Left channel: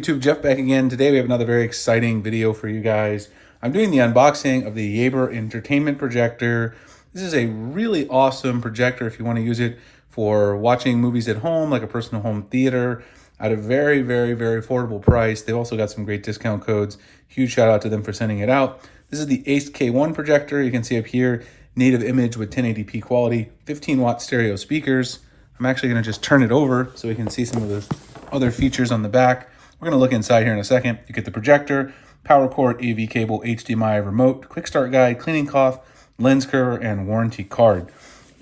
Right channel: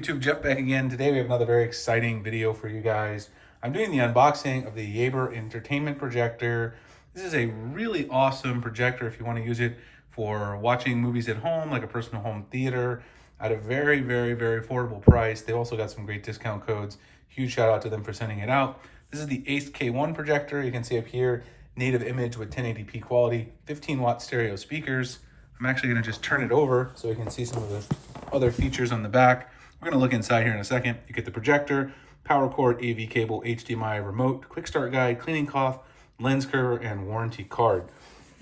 YouTube? Jeff back again. Today we have another very exciting video for you guys. I'm doing the unboxing of the YABER entertainment projector. This is a really awesome projector if you want to use it for watching movies at home, like a personal home theater, at a very, very, very affordable price. They've also got some great discount codes. Huge shout out to them for sending it out. This is the Ace K1 projector. You can see up here, native image with 1080p quality, 15 watt stereo speakers. I'm actually going to just turn it over so we can see some of the other features on the back. We're going to look inside here in a second. You get the projector, power cord, AV cable, HDMI remote, quick start guide, cleaning cloth, lens cover, and warranty card.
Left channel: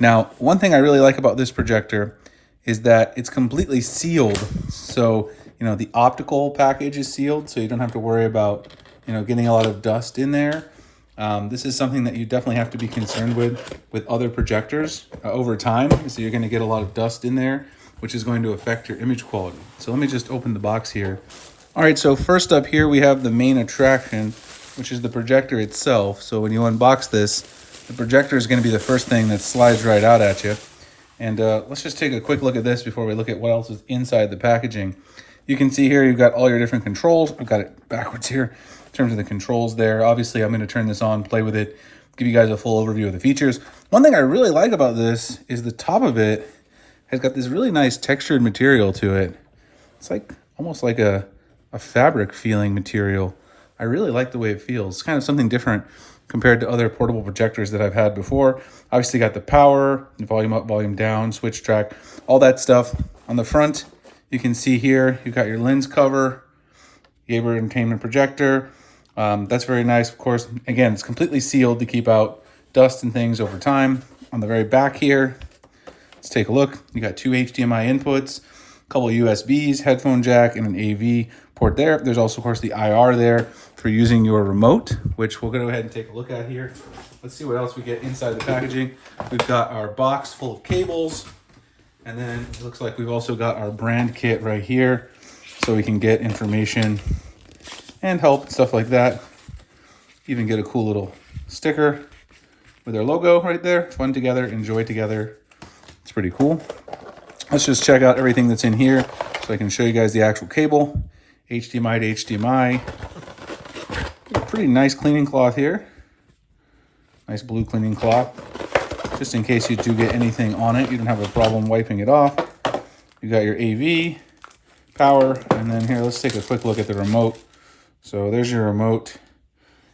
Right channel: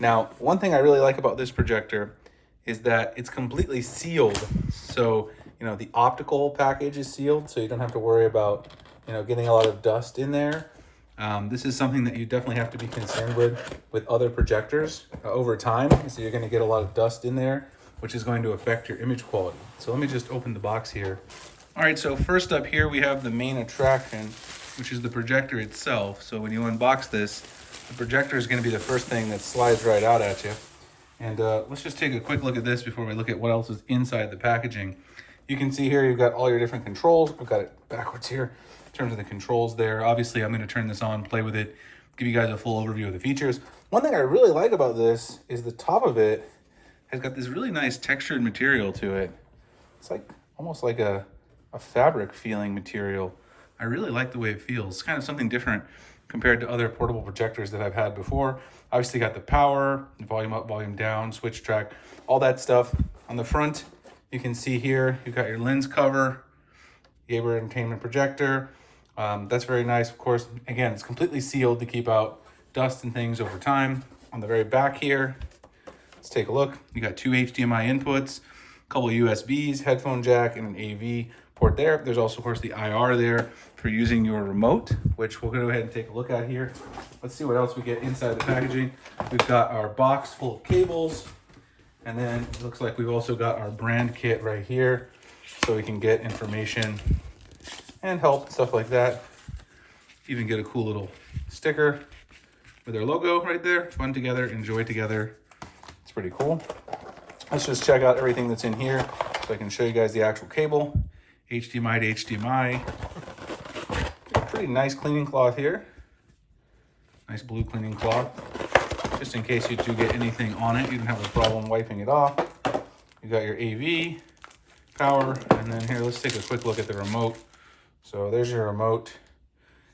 Now, one thing I really like about this projector is that it's completely sealed. So, the optical package is sealed, so you don't have to worry about, getting a lot of dust in there. This is something that you definitely have to be concerned with other projectors over time. So you're going to get a lot of dust in there, which is going to affect your image quality. So let me just open the box here. All right, so first up here we have the main attraction, which is the projector itself. So when you unbox this, the projector is going to be the first thing that slides right out at you. And let's just take a quick look at this before we look at what else is inside the packaging. You can see here you've got all your different controls. I've got it backwards here in terms of the controls there. Obviously, I'm going to turn this on, play with it, give you guys a full overview of the features. One thing I really like about this is the top of it has got this really nice textured material to it. It's like almost like a fabric feeling material. I really like the way it feels. It's kind of something different compared to other portable projectors that I've had before. Obviously got the power, volume up, volume down, switch track, all that stuff. On the front, you can see here, you've got your lens cover, YABER entertainment projector. That's very nice, of course. Again, it's completely sealed to keep out dust and things over time. On the very back here, let's take a look. You got two HDMI inputs, a couple of USBs, headphone jack, and an AV port there. There's also, of course, the IR there for using your remote, which we'll go ahead and take a look at here. Let's see what else we get inside the packaging. We've got our box full of cables, and then it looks like we've also got our brand kit right here, so we can get information and help, stuff like that. Even get a cool little sticker with their logo right there. Fun together, enjoy together. It's pretty cool. Let's just check out everything that's in here so I can show you guys the actual cable. HDMI to HDMI. Pretty nice cleaning cloth here. Nice blue cleaning cloth. Just in case you do get anything on it, you don't have a problem wiping it off. You got your AV, power, and then here, let's take a quick look at the remote. So there's your remote.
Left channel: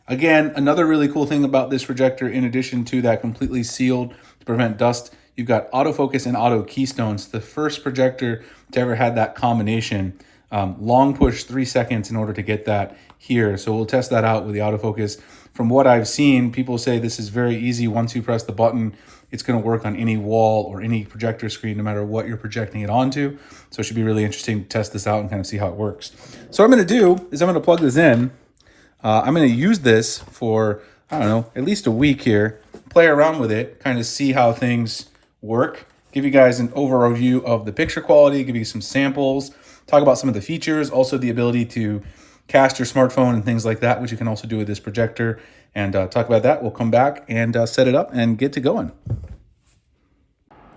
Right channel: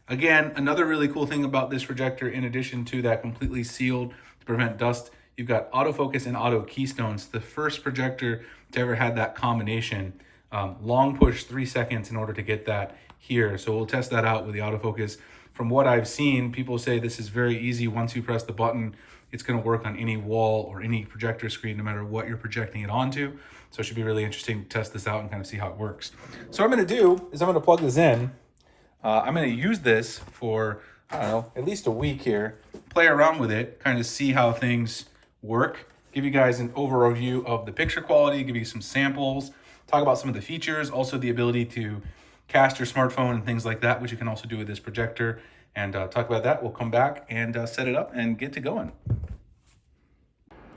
Again, another really cool thing about this projector, in addition to that completely sealed to prevent dust, you've got autofocus and auto keystones. The first projector to ever had that combination. Long push 3 seconds in order to get that here. So we'll test that out with the autofocus. From what I've seen, people say this is very easy. Once you press the button, it's going to work on any wall or any projector screen, no matter what you're projecting it onto. So it should be really interesting to test this out and kind of see how it works. So what I'm going to do is I'm going to plug this in. I'm going to use this for, I don't know, at least a week here, play around with it, kind of see how things work, give you guys an overview of the picture quality, give you some samples, talk about some of the features, also the ability to cast your smartphone and things like that, which you can also do with this projector, and talk about that. We'll come back and set it up and get to going.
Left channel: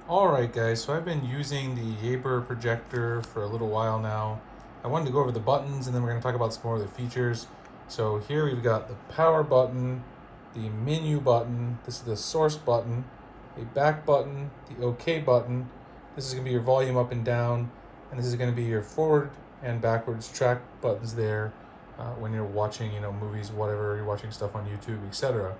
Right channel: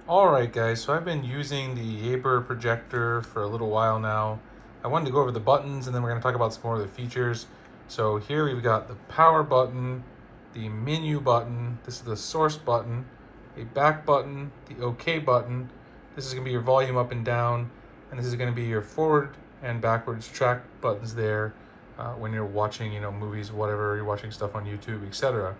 All right, guys, so I've been using the YABER projector for a little while now. I wanted to go over the buttons, and then we're going to talk about some more of the features. So here we've got the power button, the menu button, this is the source button, a back button, the OK button. This is going to be your volume up and down, and this is going to be your forward and backwards track buttons there when you're watching, movies, whatever, you're watching stuff on YouTube, etc.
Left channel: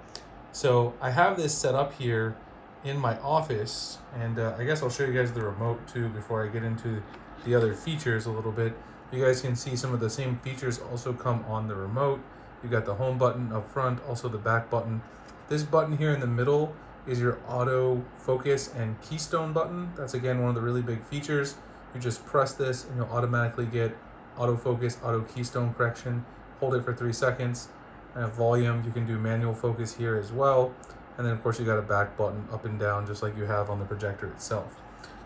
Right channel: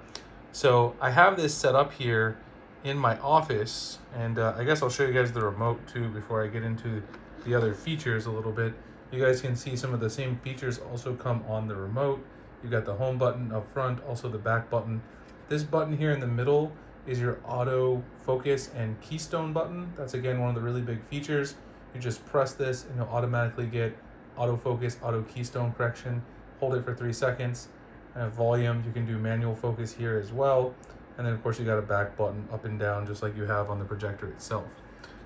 So I have this set up here in my office, and I guess I'll show you guys the remote too before I get into the other features a little bit. You guys can see some of the same features also come on the remote. You've got the home button up front, also the back button. This button here in the middle is your auto focus and keystone button. That's again one of the really big features. You just press this and you'll automatically get autofocus, auto keystone correction. Hold it for 3 seconds. And volume, you can do manual focus here as well. And then of course you got a back button up and down just like you have on the projector itself.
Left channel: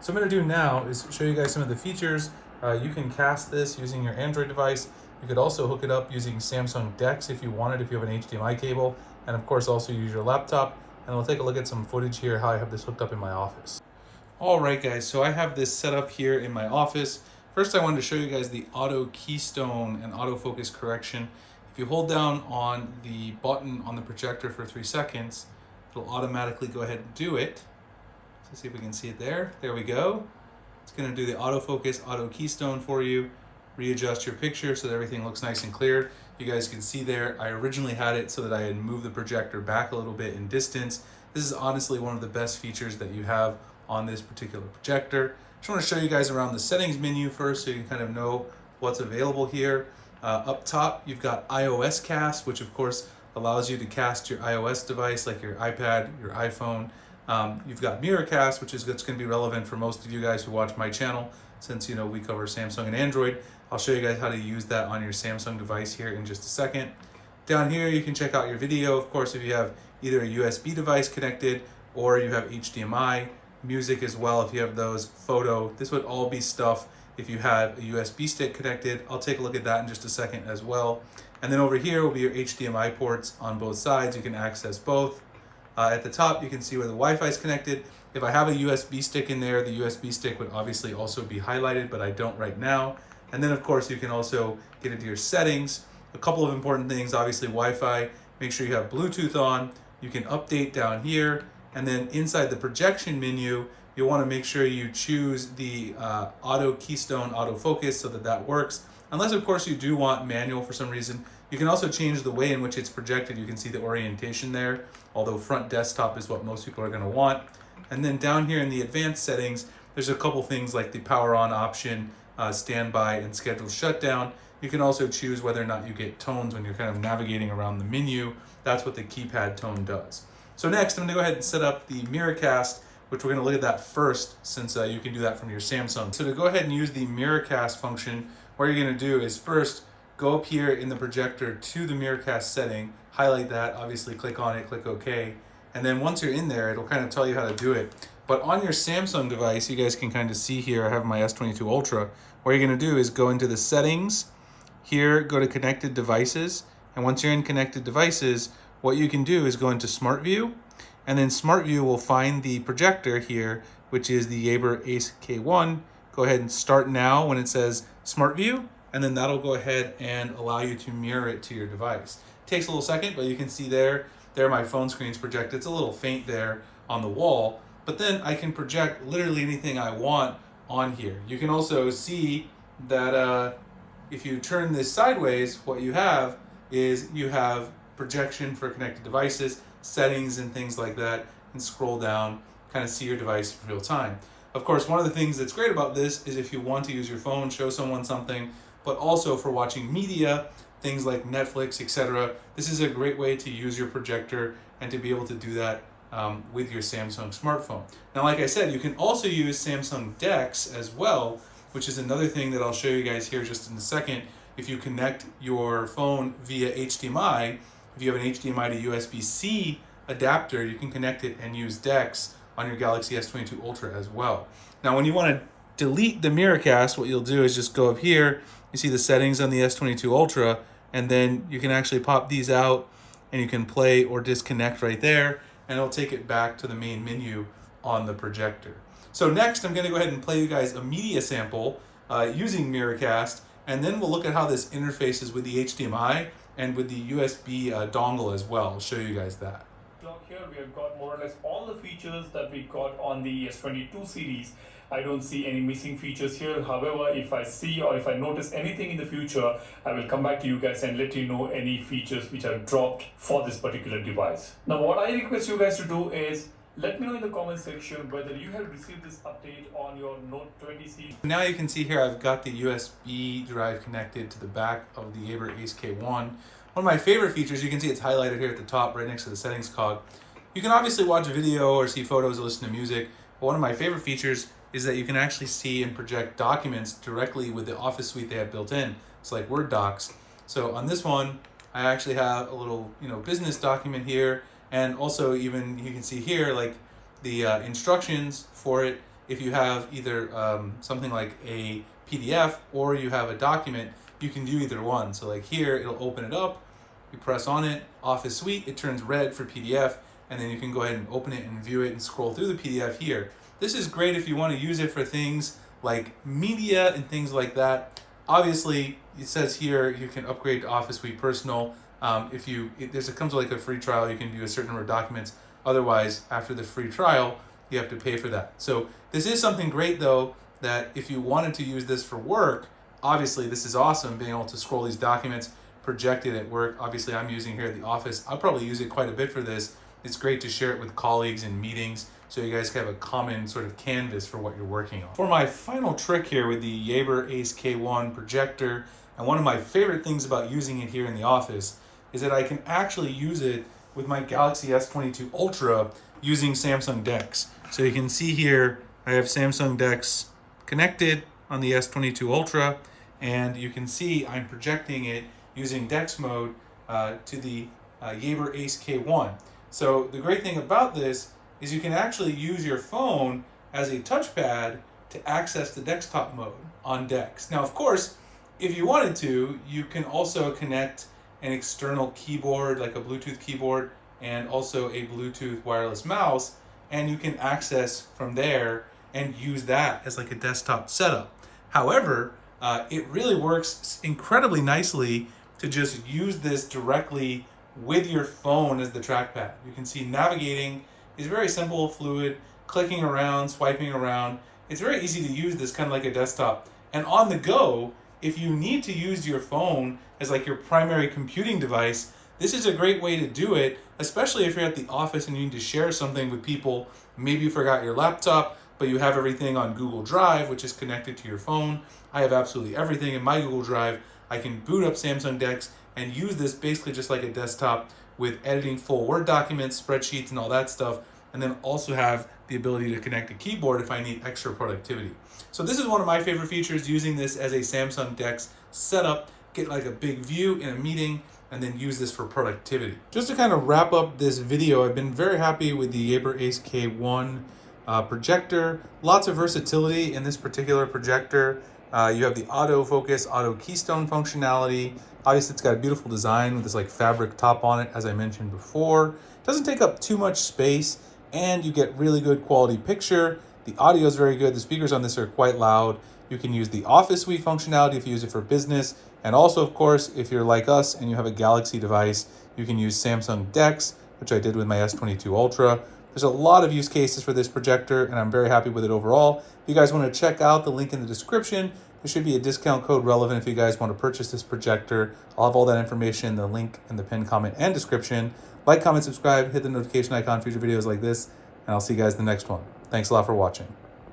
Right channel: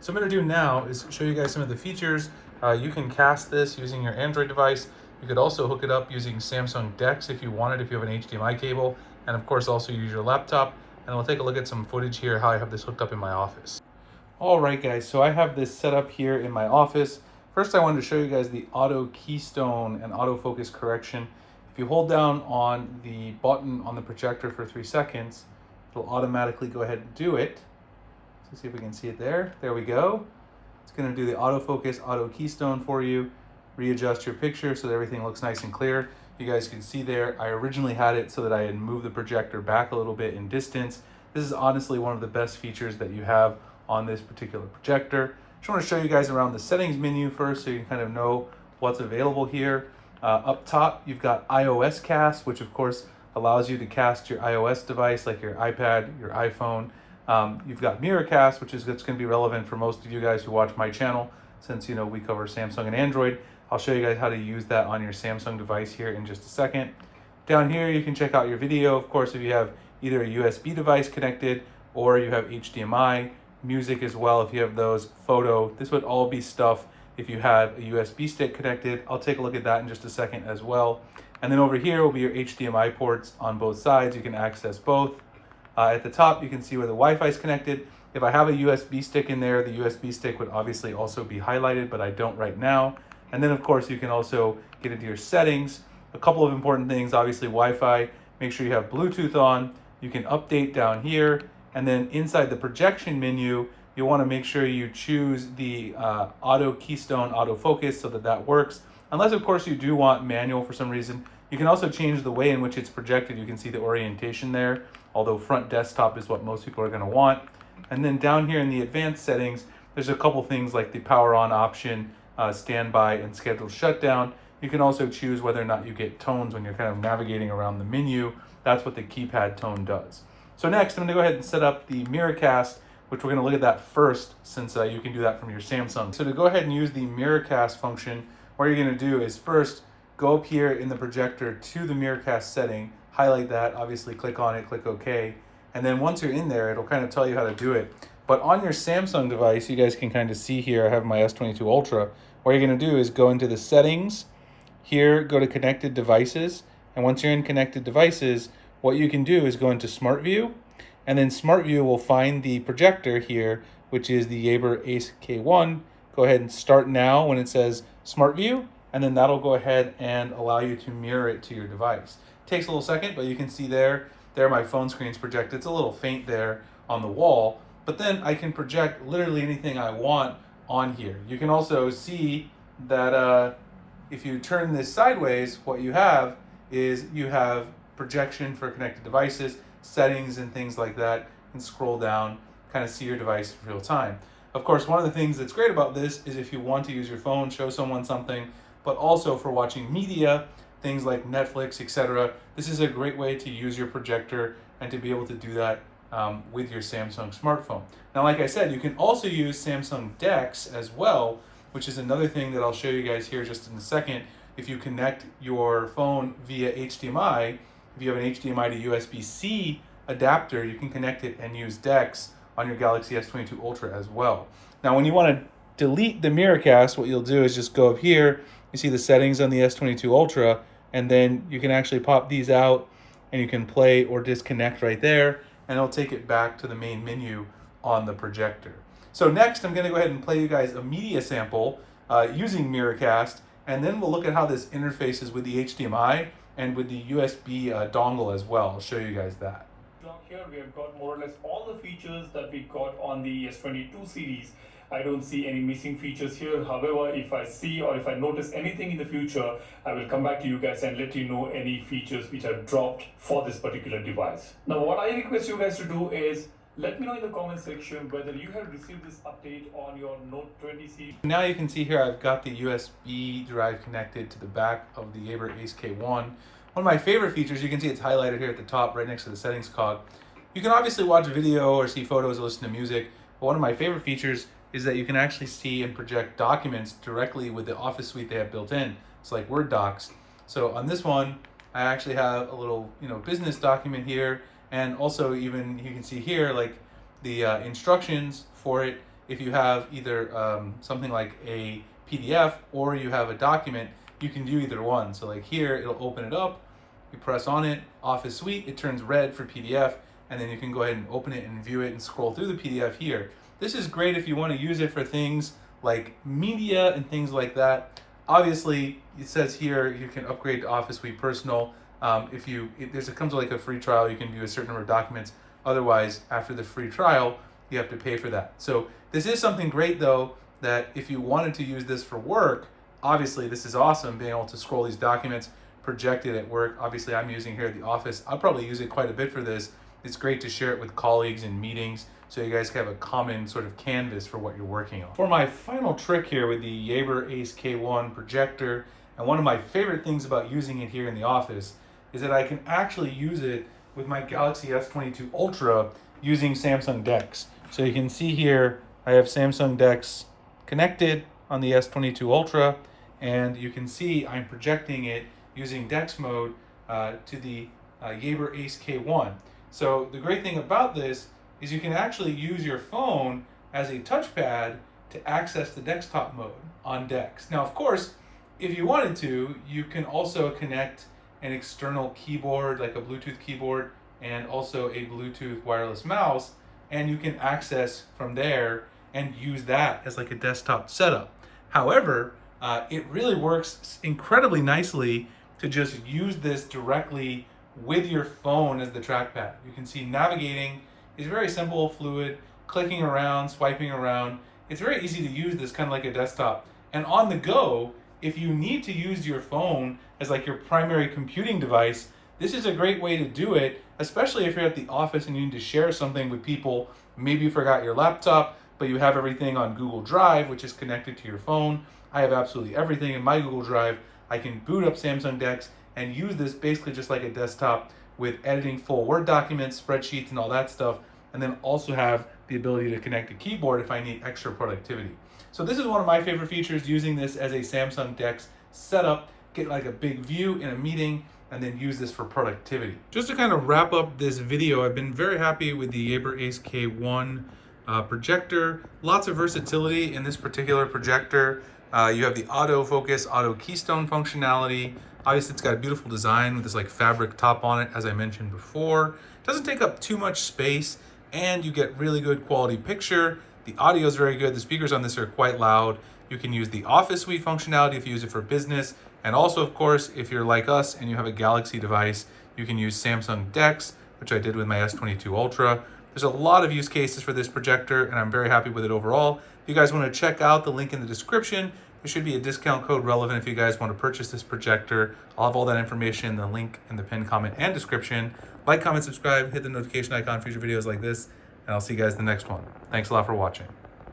So what I'm gonna do now is show you guys some of the features. You can cast this using your Android device. You could also hook it up using Samsung DeX if you wanted, if you have an HDMI cable. And of course also use your laptop. And we'll take a look at some footage here, how I have this hooked up in my office. All right, guys, so I have this set up here in my office. First, I wanted to show you guys the auto keystone and autofocus correction. If you hold down on the button on the projector for 3 seconds, it'll automatically go ahead and do it. So see if we can see it there. There we go. It's going to do the autofocus, auto keystone for you, readjust your picture so that everything looks nice and clear. You guys can see there, I originally had it so that I had moved the projector back a little bit in distance. This is honestly one of the best features that you have on this particular projector. Just want to show you guys around the settings menu first so you can kind of know what's available here. Up top, you've got iOS cast, which of course allows you to cast your iOS device like your iPad, your iPhone. You've got mirror cast, which is going to be relevant for most of you guys who watch my channel, since we cover Samsung and Android. I'll show you guys how to use that on your Samsung device here in just a second. Down here, you can check out your video. Of course, if you have either a USB device connected or you have HDMI, music as well, if you have those, photo. This would all be stuff if you have a USB stick connected. I'll take a look at that in just a second as well. And then over here will be your HDMI ports on both sides. You can access both. At the top, you can see where the Wi-Fi is connected. If I have a USB stick in there, the USB stick would obviously also be highlighted, but I don't right now. And then of course, you can also get into your settings. A couple of important things, obviously Wi-Fi, make sure you have Bluetooth on. You can update down here. And then inside the projection menu, you'll want to make sure you choose the auto keystone autofocus so that that works. Unless of course you do want manual for some reason. You can also change the way in which it's projected. You can see the orientation there, although front desktop is what most people are going to want. And then down here in the advanced settings, there's a couple things like the power on option, standby and scheduled shutdown. You can also choose whether or not you get tones when you're kind of navigating around the menu. That's what the keypad tone does. So next, I'm going to go ahead and set up the mirror cast, which we're going to look at that first, since you can do that from your Samsung. So to go ahead and use the mirror cast function, what you're going to do is first go up here in the projector to the mirror cast setting, highlight that, obviously click on it, click OK. And then once you're in there, it'll kind of tell you how to do it. But on your Samsung device, you guys can kind of see here, I have my S22 Ultra. What you're going to do is go into the settings, here go to connected devices. And once you're in connected devices, what you can do is go into Smart View. And then Smart View will find the projector here, which is the YABER Ace K1. Go ahead and start now when it says Smart View. And then that'll go ahead and allow you to mirror it to your device. Takes a little second, but you can see there my phone screen's projected. It's a little faint there on the wall, but then I can project literally anything I want on here. You can also see that if you turn this sideways, what you have is you have projection for connected devices, settings and things like that, and scroll down, kind of see your device in real time. Of course, one of the things that's great about this is if you want to use your phone, show someone something, but also for watching media, things like Netflix, etc. This is a great way to use your projector and to be able to do that with your Samsung smartphone. Now, like I said, you can also use Samsung DeX as well, which is another thing that I'll show you guys here just in a second. If you connect your phone via HDMI, if you have an HDMI to USB-C adapter, you can connect it and use DeX on your Galaxy S22 Ultra as well. Now, when you want to delete the mirrorcast, what you'll do is just go up here. You see the settings on the S22 Ultra, and then you can actually pop these out and you can play or disconnect right there, and it'll take it back to the main menu on the projector. So next, I'm going to go ahead and play you guys a media sample using Mirrorcast, and then we'll look at how this interfaces with the HDMI and with the USB dongle as well. I'll show you guys that. Here we have got more or less all the features that we got on the S22 series. I don't see any missing features here. However, if I see or if I notice anything in the future, I will come back to you guys and let you know any features which are dropped for this particular device. Now, what I request you guys to do is let me know in the comment section whether you have received this update on your Note 20 series. Now you can see here I've got the USB drive connected to the back of the YABER Ace K1. One of my favorite features, you can see it's highlighted here at the top right next to the settings cog. You can obviously watch video or see photos or listen to music, but one of my favorite features is that you can actually see and project documents directly with the Office suite they have built in. It's like Word docs. So on this one, I actually have a little business document here, and also even you can see here like the instructions for it. If you have either something like a PDF or you have a document, you can do either one. So like here, it'll open it up, you press on it, Office Suite, it turns red for PDF, and then you can go ahead and open it and view it and scroll through the PDF here. This is great if you want to use it for things like media and things like that. Obviously, it says here you can upgrade to Office Suite Personal. It comes with like a free trial, you can view a certain number of documents. Otherwise, after the free trial, you have to pay for that. So this is something great though, that if you wanted to use this for work, obviously this is awesome, being able to scroll these documents, project it at work. Obviously I'm using here at the office. I'll probably use it quite a bit for this. It's great to share it with colleagues in meetings so you guys can have a common sort of canvas for what you're working on. For my final trick here with the YABER Ace K1 projector, and one of my favorite things about using it here in the office is that I can actually use it with my Galaxy S22 Ultra using Samsung DeX. So you can see here, I have Samsung DeX connected on the S22 Ultra, and you can see I'm projecting it using DeX mode to the YABER Ace K1. So the great thing about this is you can actually use your phone as a touchpad to access the desktop mode on DeX. Now, of course, if you wanted to, you can also connect an external keyboard, like a Bluetooth keyboard, and also a Bluetooth wireless mouse, and you can access from there and use that as like a desktop setup. However, it really works incredibly nicely to just use this directly with your phone as the trackpad. You can see navigating is very simple, fluid, clicking around, swiping around. It's very easy to use this kind of like a desktop. And on the go, if you need to use your phone as like your primary computing device, this is a great way to do it, especially if you're at the office and you need to share something with people. Maybe you forgot your laptop, but you have everything on Google Drive, which is connected to your phone. I have absolutely everything in my Google Drive. I can boot up Samsung DeX and use this basically just like a desktop with editing full Word documents, spreadsheets, and all that stuff, and then also have the ability to connect a keyboard if I need extra productivity. So this is one of my favorite features, using this as a Samsung DeX setup, get like a big view in a meeting, and then use this for productivity. Just to kind of wrap up this video, I've been very happy with the YABER Ace K1 projector. Lots of versatility in this particular projector. You have the auto focus, auto keystone functionality. Obviously it's got a beautiful design with this like fabric top on it, as I mentioned before. It doesn't take up too much space, and you get really good quality picture. The audio is very good. The speakers on this are quite loud. You can use the Office Suite functionality if you use it for business. And also, of course, if you're like us and you have a Galaxy device, you can use Samsung DeX, which I did with my S22 Ultra. There's a lot of use cases for this projector, and I'm very happy with it overall. If you guys want to check out the link in the description, there should be a discount code relevant if you guys want to purchase this projector. I'll have all that information, the link in the pinned comment and description. Like, comment, subscribe, hit the notification icon for future videos like this, and I'll see you guys in the next one. Thanks a lot for watching.